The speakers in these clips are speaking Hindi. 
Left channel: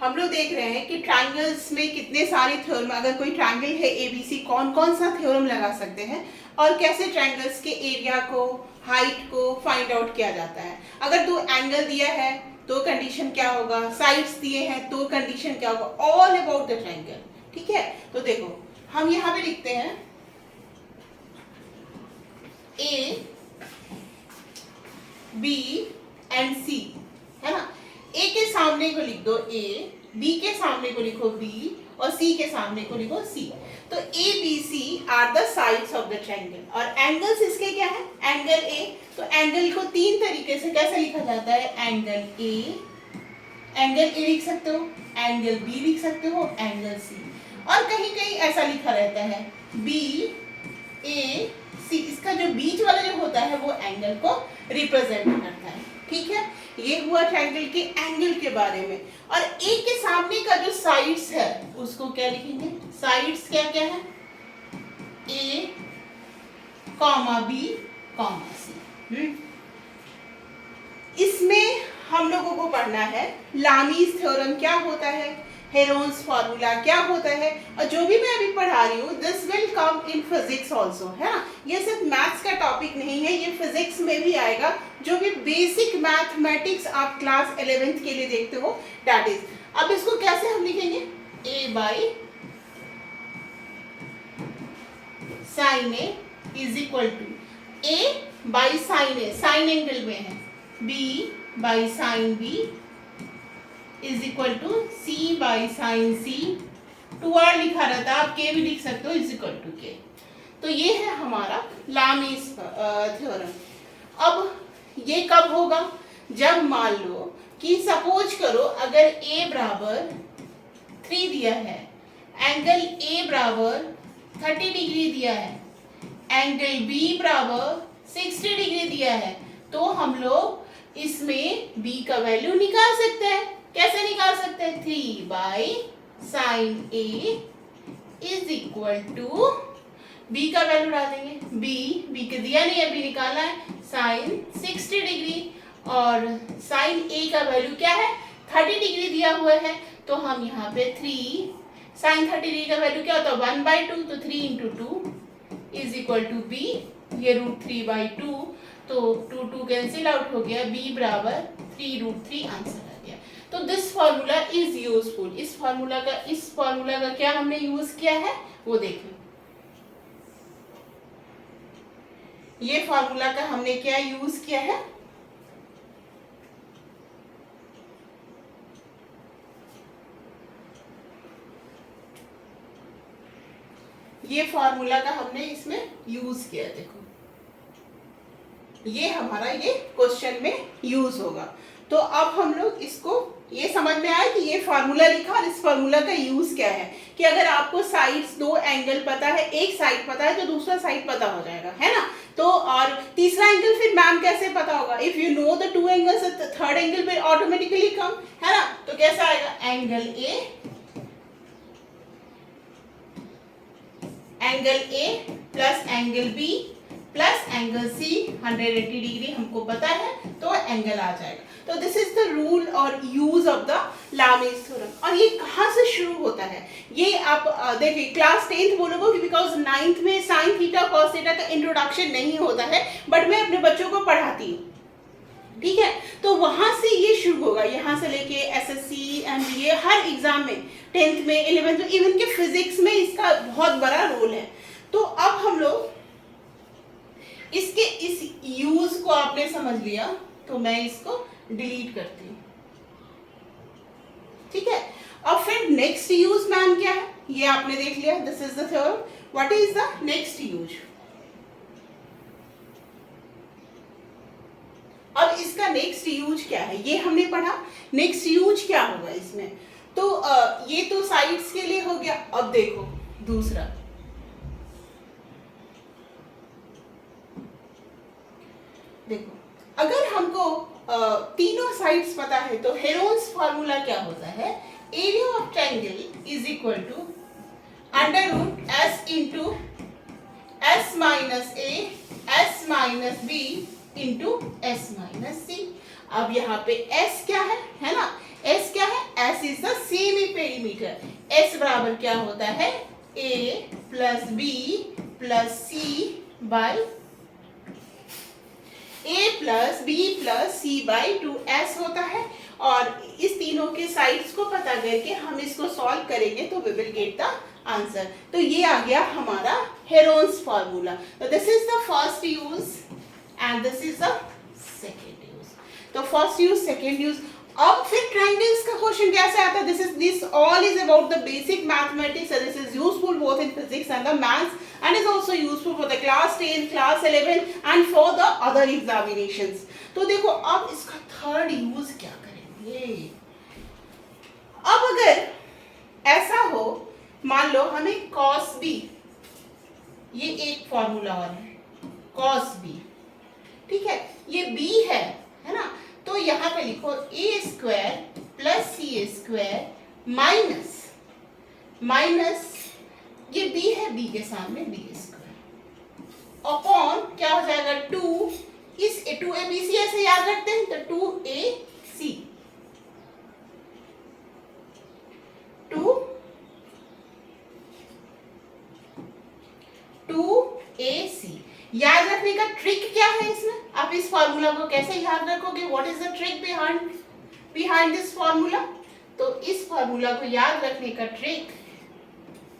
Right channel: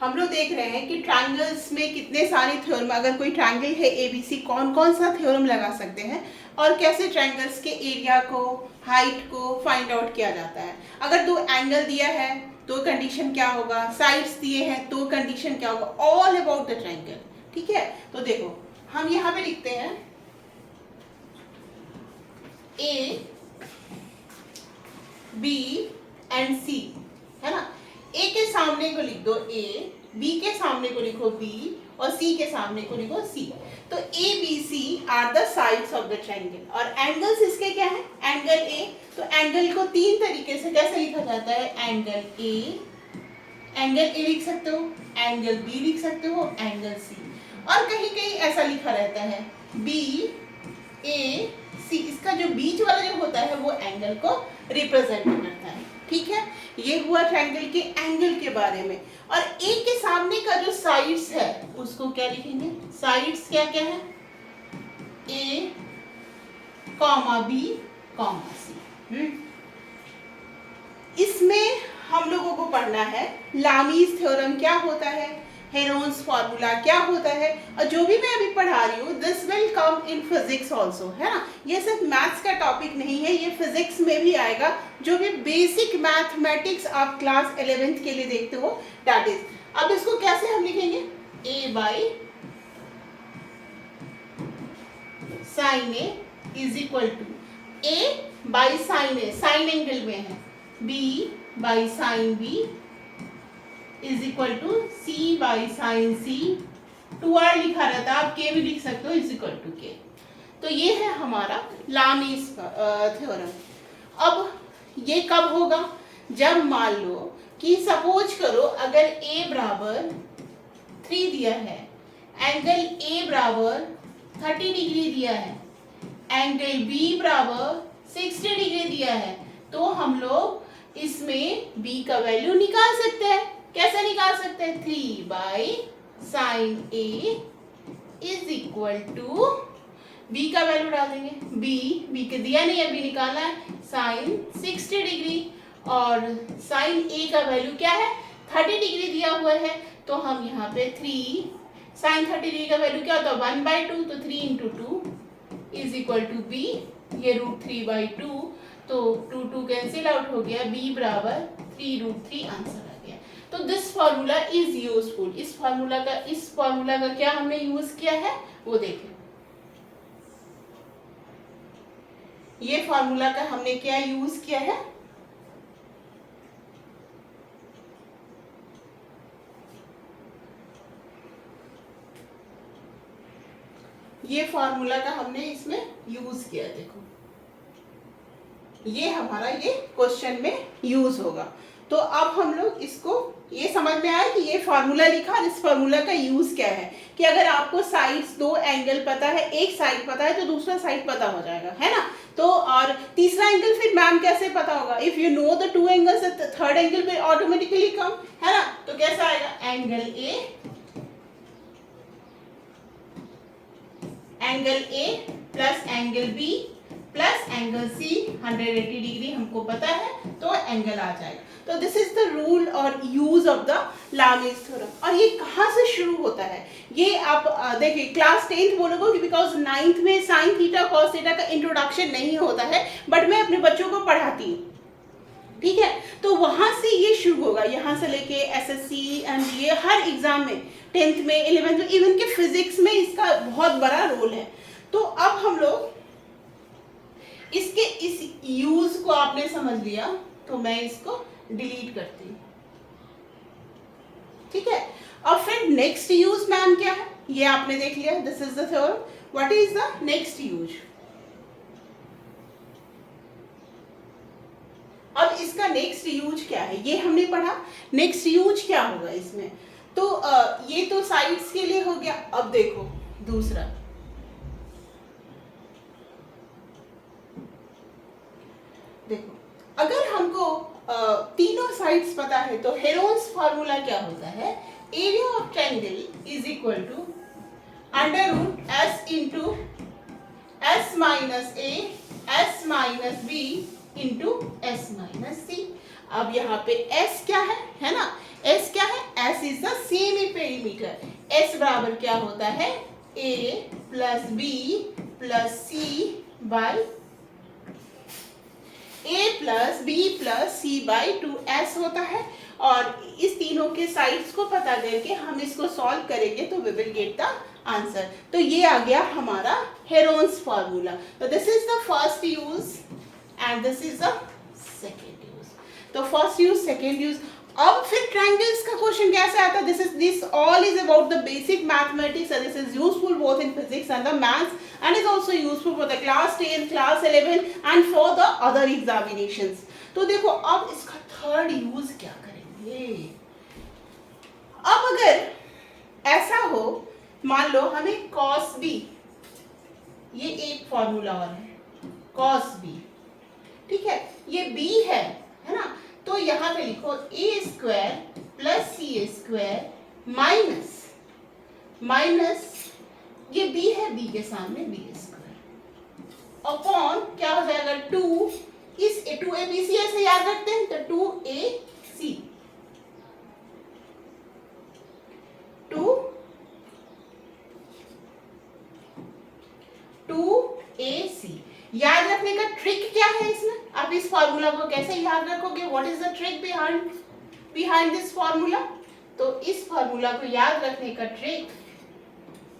हम लोग देख रहे हैं कि ट्रायंगल्स में कितने सारे थ्योरम, अगर कोई ट्रायंगल है एबीसी, कौन कौन सा थ्योरम लगा सकते हैं और कैसे ट्रायंगल्स के एरिया को, हाइट को फाइंड आउट किया जाता है। अगर दो एंगल दिया है तो कंडीशन क्या होगा, साइड्स दिए हैं तो कंडीशन क्या होगा, ऑल अबाउट द ट्रायंगल। ठीक है, तो देखो हम यहाँ पे लिखते हैं ए बी एंड सी, है ना। ए के सामने को लिख दो ए, बी के सामने को लिखो बी और सी के सामने को लिखो सी। तो A B C are the sides of the triangle. और एंगल्स इसके क्या है, एंगल ए, तो एंगल को तीन तरीके से कैसे लिखा जाता है, एंगल ए लिख सकते हो, एंगल बी लिख सकते हो, एंगल सी। और कहीं कहीं ऐसा लिखा रहता है बी ए सी, इसका जो बीच वाला जो होता है वो एंगल को रिप्रेजेंट करता है। ठीक है, ये हुआ ट्रायंगल के एंगल के बारे में। और एक के सामने का जो साइड्स है उसको क्या लिखेंगे, साइड्स क्या क्या है, ए कॉमा बी कॉमा सी। इसमें हम लोगों को पढ़ना है लामीज थ्योरम क्या होता है, हेरोन्स फार्मूला क्या होता है, और जो भी मैं अभी पढ़ा रही हूँ this will come in physics also, है ना। ये सिर्फ मैथ्स का टॉपिक नहीं है, ये फिजिक्स में भी आएगा। जो भी बेसिक मैथमेटिक्स आप क्लास 11th के लिए देखते हो दैट इज। अब इसको कैसे हम लिखेंगे, A by sine A is equal to A by sine A, sine angle में है, B by sine B is equal to C by sine C. 2r लिखा रहता है, आप के भी लिख सकते हो, इज इक्वल टू के। तो ये है हमारा लामीज थ्योरम। अब ये कब होगा, जब मान लो कि सपोज करो अगर a बराबर 3 दिया है, एंगल a बराबर 30 डिग्री दिया है, एंगल b बराबर 60 डिग्री दिया है, तो हम लोग इसमें b का वैल्यू निकाल सकते हैं। कैसे निकाल सकते हैं, 3 by sine A is equal to, B का वैल्यू डाल देंगे, बी के दिया नहीं है, बी निकालना है, साइन 60 डिग्री, और साइन ए का वैल्यू क्या है, 30 डिग्री दिया हुआ है, तो हम यहाँ पे 3 साइन 30 डिग्री का वैल्यू क्या होता है, 1/2, तो 3 into 2 is equal to B, ये √3/2, तो 2 कैंसिल आउट हो गया, बी बराबर 3√3 आंसर आ गया। तो दिस फॉर्मूला इज यूजफुल। इस फॉर्मूला का क्या हमने यूज किया है वो देखिए। ये फॉर्मूला का हमने क्या यूज किया है, ये फॉर्मूला का हमने इसमें यूज किया। देखो ये हमारा ये क्वेश्चन में यूज होगा। तो अब हम लोग इसको, ये समझ में आया कि ये फार्मूला लिखा और इस फार्मूला का यूज क्या है, कि अगर आपको साइड्स, दो एंगल पता है, एक साइड पता है तो दूसरा साइड पता हो जाएगा, है ना। तो और तीसरा एंगल फिर मैम कैसे पता होगा, if you know the 2 angles third angle पे ऑटोमेटिकली कम, है ना। तो कैसा आएगा, angle A plus angle B plus angle C 180 degree हमको पता है, तो एंगल आ जाएगा। तो दिस इज द रूल और use of the Lami's theorem. और ये कहाँ से शुरू होता है, ये आप देखिए क्लास 10th बोलोगे, बिकॉज 9th में साइन थीटा कॉस थीटा का इंट्रोडक्शन नहीं होता है, बट मैं अपने बच्चों को पढ़ाती हूँ। ठीक है, तो वहां से ये शुरू होगा, यहाँ से लेके एसएससी एमबीए हर एग्जाम में, 10th में, 11th में, इवन के फिजिक्स में इसका बहुत बड़ा रोल है। तो अब हम लोग इसके इस यूज को आपने समझ लिया, तो मैं इसको डिलीट करती हूँ। ठीक है, अब फिर नेक्स्ट यूज मैम क्या है, ये आपने देख लिया, this is the theorem. What is the next use, अब इसका नेक्स्ट यूज क्या है ये हमने पढ़ा। नेक्स्ट यूज क्या होगा इसमें, तो ये तो साइड्स के लिए हो गया। अब देखो दूसरा, देखो अगर हमको तीनों साइड्स पता है तो हेरोन्स फार्मूला क्या होता है, area of triangle is equal to √s into s minus A s minus B into s minus C. अब यहाँ पे s क्या है ना, s क्या है, s is the centimetre. S बराबर क्या होता है, A plus B plus C by A plus B plus C by 2S होता है। और इस तीनों के साइड्स को पता करके हम इसको सॉल्व करेंगे तो we will get the answer. तो ये आ गया हमारा हेरोन्स फार्मूला। तो this is the first use and this is the second use. तो फर्स्ट यूज, सेकेंड यूज। अब फिर ट्रायंगल्स का क्वेश्चन कैसे आता है? This all is about the basic mathematics and this is useful both in physics and the maths and is also useful for the class 10, class 11 and for the other examinations. तो देखो अब इसका थर्ड यूज क्या करेंगे। अब अगर ऐसा हो, मान लो हमें cos b, ये एक फॉर्मूला और है cos b, ठीक है, ये b है ना। तो यहां पे लिखो a square plus C square minus ये b है, b के सामने b स्क्वायर अपॉन क्या हो जाएगा 2, इस 2abc ऐसे याद रखते हैं तो 2ac 2ac। याद रखने का ट्रिक क्या है इसमें? आप इस फॉर्मूला को कैसे याद रखोगे? What is the trick behind this formula? तो इस फॉर्मूला को याद रखने का ट्रिक,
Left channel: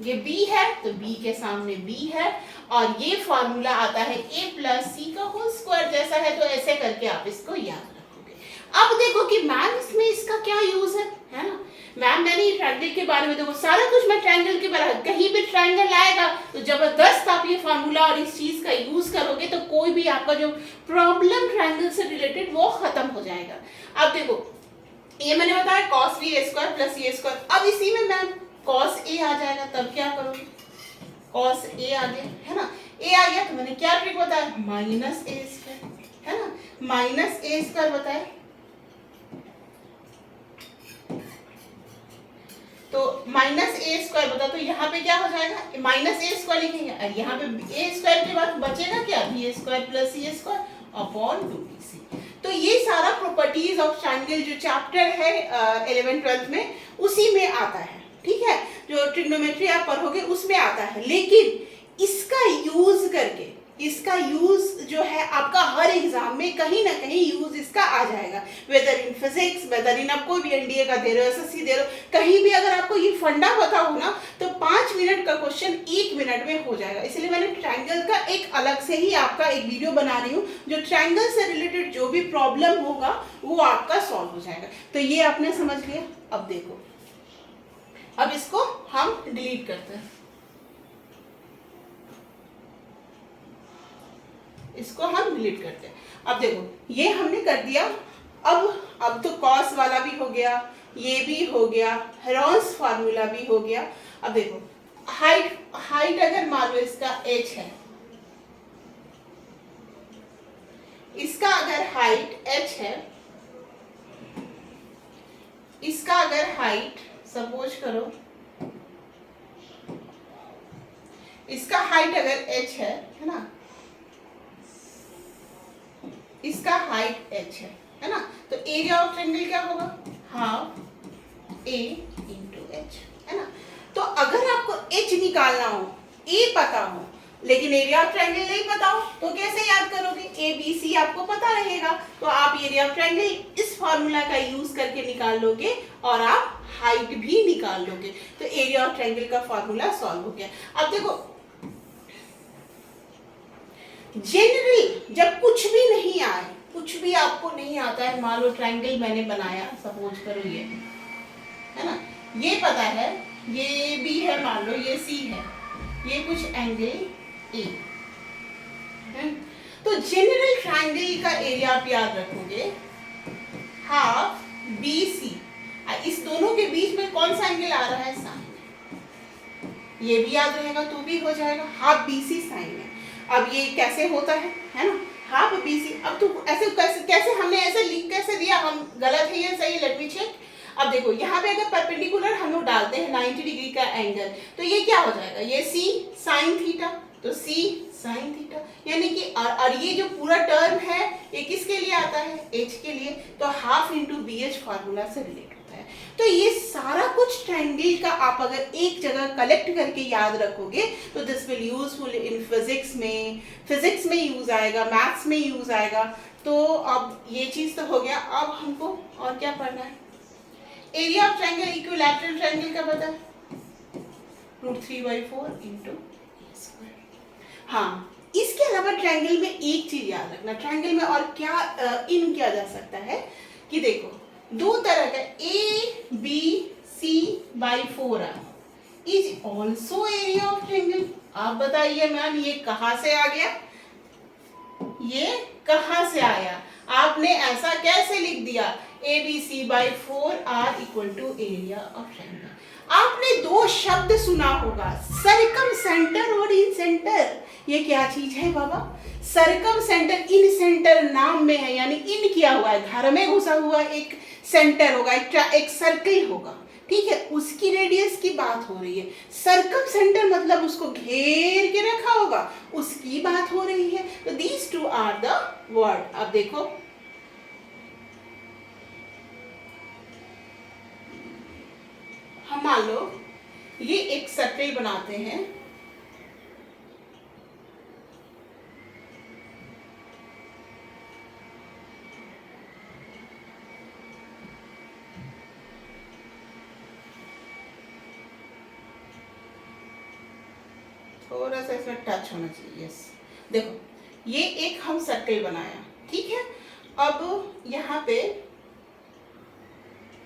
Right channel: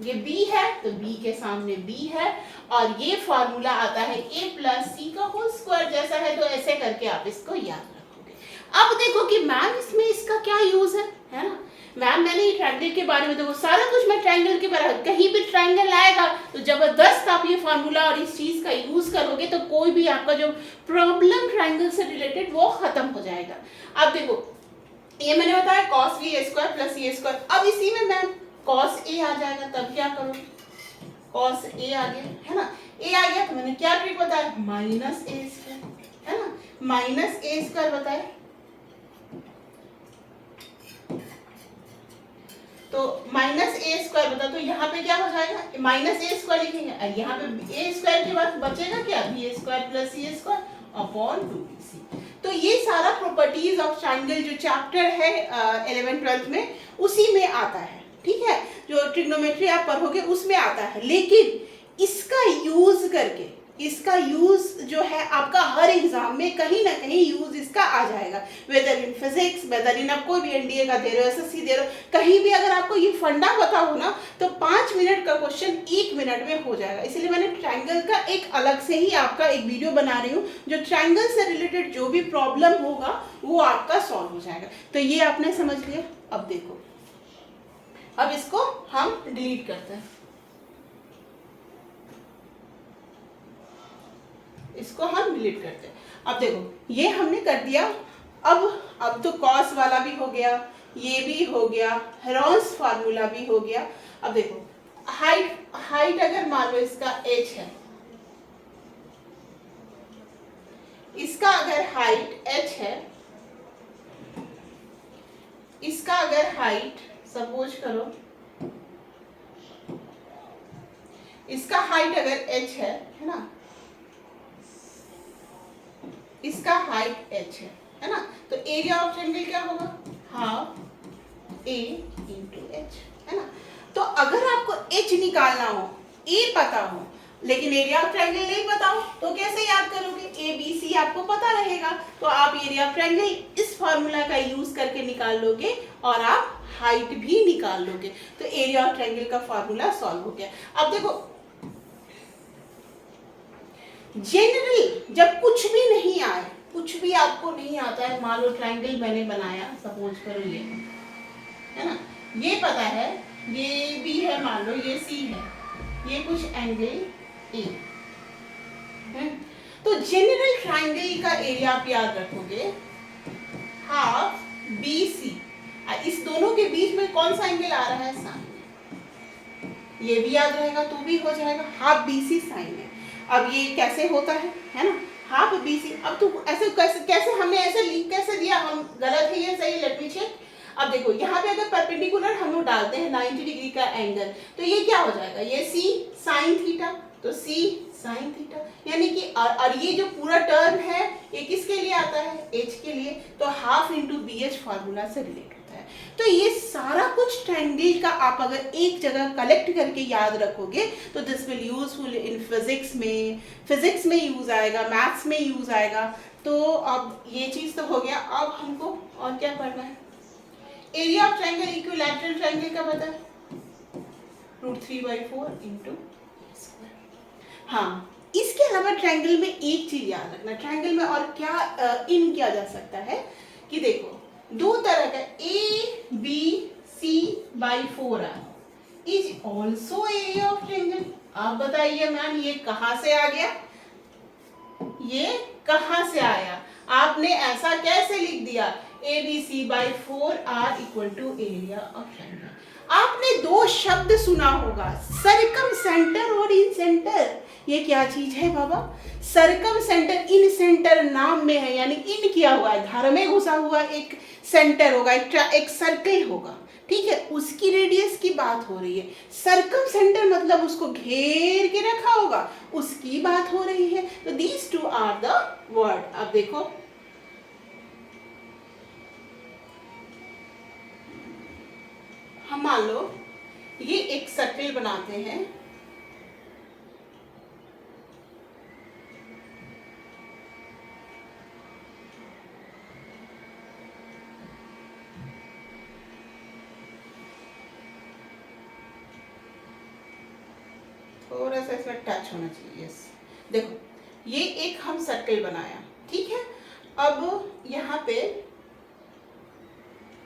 ये b है तो b के सामने b है और ये फॉर्मूला आता है a प्लस सी का होल स्क्वायर जैसा है, तो ऐसे करके आप इसको याद रखोगे। अब देखो कि मैम इसमें इसका क्या यूज है ना। मैम मैंने ट्रायंगल के बारे में, देखो सारा कुछ मैं ट्रायंगल के बारे में, कहीं भी ट्रायंगल आएगा तो जबरदस्त आप ये फॉर्मूला और इस चीज का यूज करोगे तो कोई भी आपका जो प्रॉब्लम ट्रायंगल से रिलेटेड वो खत्म हो जाएगा। अब देखो ये मैंने बताया cos b square plus a square, अब इसी में मैम cos a आ जाएगा, तब क्या करोगे? cos a आ गया है ना, a आ गया तो मैंने क्या ट्रिक बताया, माइनस a स्क्वायर है ना, माइनस a स्क्वायर बताया। तो माइनस a स्क्वायर बता, तो यहाँ पे क्या हो जाएगा, माइनस a स्क्वायर लिखेंगे और यहाँ पे a स्क्वायर के बाद बचेगा क्या, b square plus c square upon 2bc। तो ये सारा प्रॉपर्टीज ऑफ ट्रायंगल जो चैप्टर है 11th-12th में उसी में आता है, ठीक है, जो ट्रिग्नोमेट्री आप पढ़ोगे उसमें आता है। लेकिन इसका यूज करके, इसका यूज जो है आपका हर एग्जाम में कहीं ना कहीं यूज इसका आ जाएगा, वेदर इन फिजिक्स, वेदर इन आप कोई भी एनडीए का दे रहे हो, एसएससी दे रहे हो, कहीं भी अगर आपको ये फंडा पता हो ना तो 5 मिनट का क्वेश्चन 1 मिनट में हो जाएगा। इसलिए मैंने ट्रायंगल का एक अलग से ही आपका एक वीडियो बना रही हूँ जो ट्रायंगल से रिलेटेड जो भी प्रॉब्लम होगा वो आपका सॉल्व हो जाएगा। तो ये आपने समझ लिया। अब देखो, अब इसको हम डिलीट करते हैं, इसको हम डिलीट करते हैं। अब देखो ये हमने कर दिया। अब तो कॉस वाला भी हो गया, ये भी हो गया, हेरोन्स फार्मूला भी हो गया। अब देखो हाइट अगर मान लो इसका h है, इसका अगर हाइट h है, इसका अगर हाइट सपोज करो, इसका हाइट अगर h है ना, इसका हाइट h है ना, तो एरिया ऑफ ट्रायंगल क्या होगा, हाफ a इंटू h है ना। तो अगर आपको h निकालना हो, a पता हो लेकिन एरिया ऑफ ट्रायंगल नहीं पता हो तो कैसे याद करोगे? ए बी सी आपको पता रहेगा तो आप एरिया ऑफ ट्रायंगल इस फॉर्मूला का यूज करके निकाल लोगे और आप हाइट भी निकाल लोगे। तो एरिया ऑफ ट्रायंगल का फॉर्मूला सॉल्व हो गया। अब देखो जनरल जब कुछ भी नहीं आए, कुछ भी आपको नहीं आता है, मान लो ट्रायंगल मैंने बनाया, सपोज करो ये है ना, ये पता है, ये बी है, मान लो ये सी है, ये कुछ एंगल ए है। तो जनरल ट्रायंगल का एरिया आप याद रखोगे हाफ बी सी, इस दोनों के बीच में कौन सा एंगल आ रहा है, साइन, ये भी याद रहेगा तो भी हो जाएगा, हाफ बी सी साइन है। अब ये कैसे होता है ना, हाफ बी सी। अब तो ऐसे कैसे हमने ऐसे लिख कैसे दिया, हम गलत है ये सही, लेट मी चेक। अब देखो यहाँ पे अगर परपेंडिकुलर हम लोग डालते हैं 90 डिग्री का एंगल तो ये क्या हो जाएगा, ये सी साइन थीटा, तो सी साइन थीटा, यानी कि और ये जो पूरा टर्म है ये किसके लिए आता है, एच के लिए, तो half into B H formula से रिलेट होता है। तो ये सारा कुछ ट्रायंगल का आप अगर एक जगह कलेक्ट करके याद रखोगे तो this will useful in physics में यूज आएगा, मैथ्स में यूज आएगा। तो अब ये चीज तो हो गया। अब हमको और क्या पढ़ना है? Area of triangle equilateral triangle का पता है, √3/4 इंटू। हाँ, इसके अलावा ट्रायंगल में एक चीज याद रखना, ट्रायंगल में और क्या इन किया जा सकता है कि देखो दो तरह का ABC/4 is also area of triangle. आप बताइए मैम ये कहाँ से आ गया, ये कहाँ से आया? आपने ऐसा कैसे लिख दिया ABC/4 R equal to area of triangle? आपने दो शब्द सुना होगा, सर्कम सेंटर और इन सेंटर। ये क्या चीज है बाबा? सर्कम सेंटर इन सेंटर नाम में है, यानी इन किया हुआ है, घर में घुसा हुआ एक सेंटर होगा, एक सर्कल होगा, ठीक है, उसकी रेडियस की बात हो रही है। सर्कम सेंटर मतलब उसको घेर के रखा होगा, उसकी बात हो रही है। तो these two are the word. अब देखो हम मान लो ये एक सर्कल बनाते हैं, थोड़ा सा इसमें टच होना चाहिए। यस, देखो ये एक हम सर्कल बनाया, ठीक है। अब यहाँ पे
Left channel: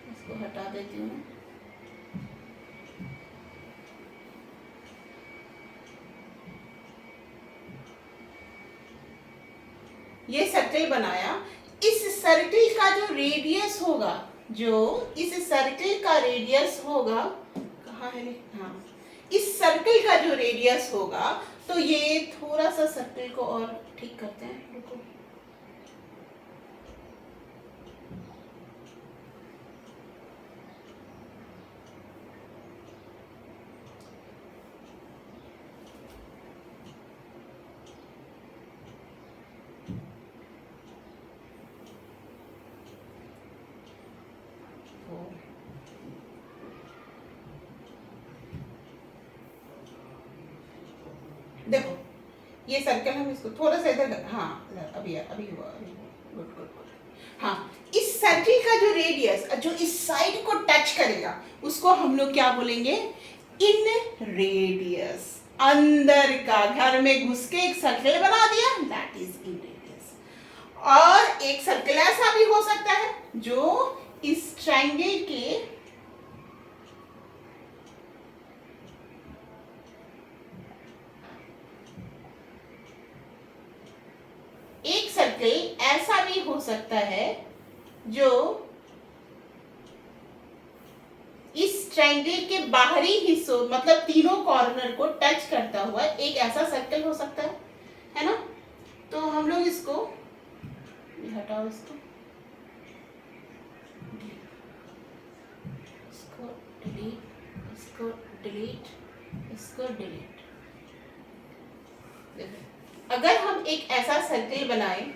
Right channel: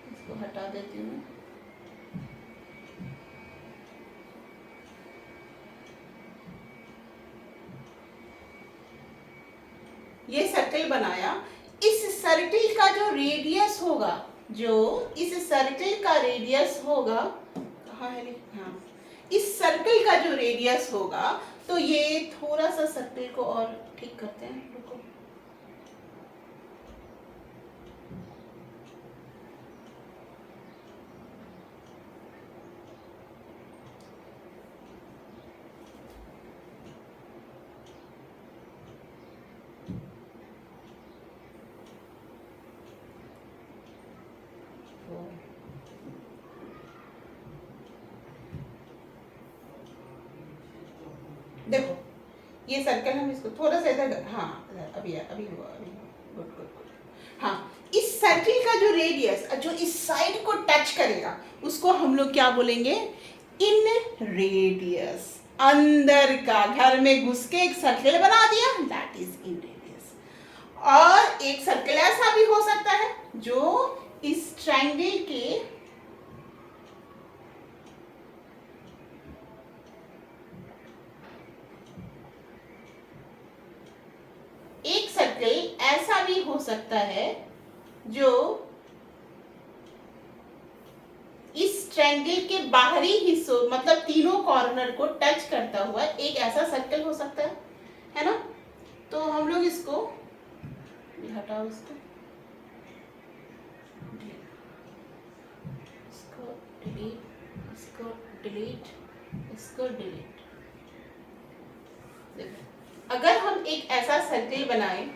इसको हटा देती हूँ। ये सर्कल बनाया, इस सर्कल का जो रेडियस होगा, जो इस सर्कल का रेडियस होगा, कहाँ है? हाँ, इस सर्कल का जो रेडियस होगा, तो ये थोड़ा सा सर्कल को और ठीक करते हैं, रुको। देखो ये सर्कल हम इसको थोड़ा सा इधर, हाँ अभी हुआ, गुड गुड गुड। हाँ, इस सर्कल का जो रेडियस जो इस साइड को टच करेगा उसको हम लोग क्या बोलेंगे? इन रेडियस। अंदर का, घर में घुस के एक सर्कल बना दिया, दैट इज इन रेडियस। और एक सर्कल ऐसा भी हो सकता है जो इस ट्रायंगल के एक सर्कल ऐसा भी हो सकता है जो इस ट्रायंगल के बाहरी हिस्सों मतलब तीनों कॉर्नर को टच करता हुआ एक ऐसा सर्कल हो सकता है ना? तो हम लोग इसको हटाओ, इसको डिलीट, इसको डिलीट, इसको डिलीट। अगर हम एक ऐसा सर्कल बनाएं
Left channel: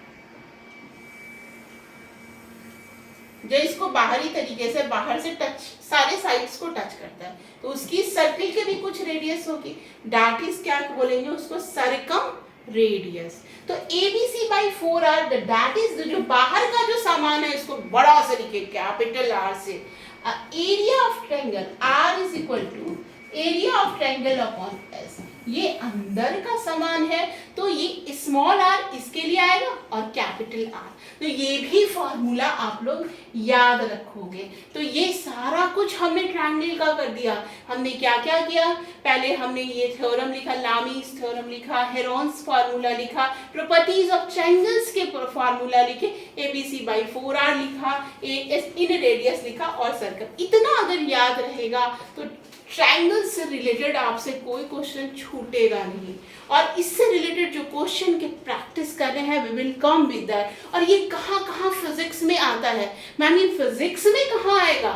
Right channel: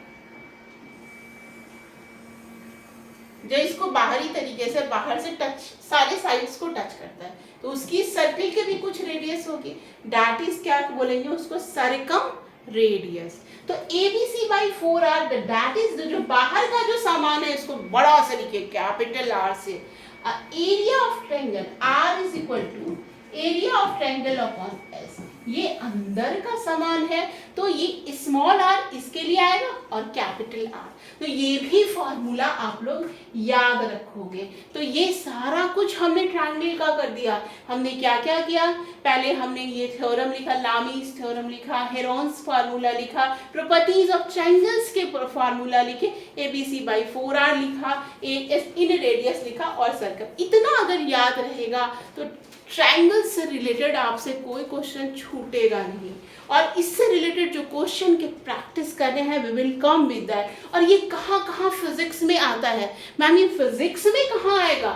जो इसको बाहरी तरीके से बाहर से टच, सारे साइड्स को टच करता है, तो उसकी सर्कल के भी कुछ रेडियस होगी, दैट इज क्या बोलेंगे उसको? Circum radius. तो ABC/4 आर दैट इज जो बाहर का जो सामान है उसको बड़ा से लिखे, कैपिटल आर से। Area of triangle R is equal to area of triangle upon S। ये अंदर का सामान है तो ये स्मॉल r इसके लिए आएगा और कैपिटल R। तो ये भी फॉर्मूला आप लोग याद रखोगे। तो ये सारा कुछ हमने ट्रायंगल का कर दिया। हमने क्या क्या किया? पहले हमने ये थ्योरम लिखा, लामीज थ्योरम लिखा, हेरोन्स फार्मूला लिखा, प्रॉपर्टीज ऑफ ट्रायंगल्स के फार्मूला लिखे, ABC/4R लिखा, इन रेडियस लिखा और सर्कल। इतना अगर याद रहेगा तो ट्रायंगल से रिलेटेड आपसे कोई क्वेश्चन छूटेगा नहीं। और इससे रिलेटेड जो क्वेश्चन के प्रैक्टिस कर रहे हैं we will come with that. और ये कहाँ कहाँ फिजिक्स में आता है? मैम ये फिजिक्स में कहाँ आएगा?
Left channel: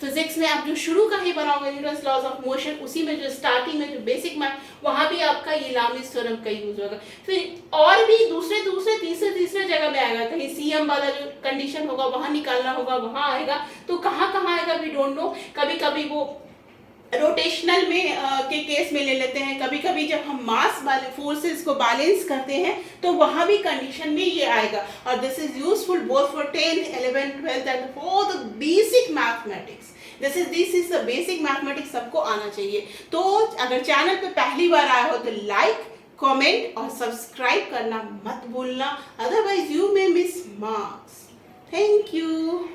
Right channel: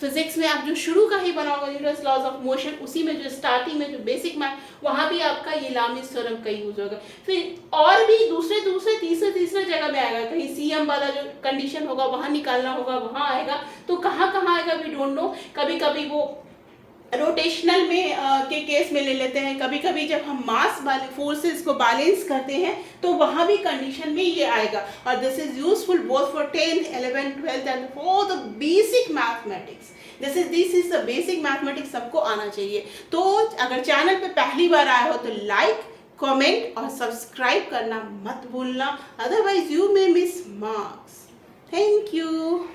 फिजिक्स में आप जो शुरू का ही बनाओगे न्यूटन्स लॉज ऑफ मोशन, उसी में जो स्टार्टिंग में जो बेसिक में वहाँ भी आपका ये लामिस थ्योरम का यूज होगा। फिर और भी दूसरे तीसरे जगह में आएगा, कहीं सीएम वाला जो कंडीशन होगा वहाँ निकालना होगा, वहाँ आएगा। तो कहाँ आएगा वी डोंट नो। कभी कभी वो रोटेशनल में के केस में ले लेते हैं, कभी कभी जब हम मास वाले फोर्सेस को बैलेंस करते हैं तो वहाँ भी कंडीशन में ये आएगा। और this is useful both for 10th 11th 12th and for the basic mathematics. This is the basic mathematics सबको आना चाहिए। तो अगर चैनल पे पहली बार आए हो तो लाइक, कमेंट और सब्सक्राइब करना मत भूलना, otherwise you may miss marks. Thank you.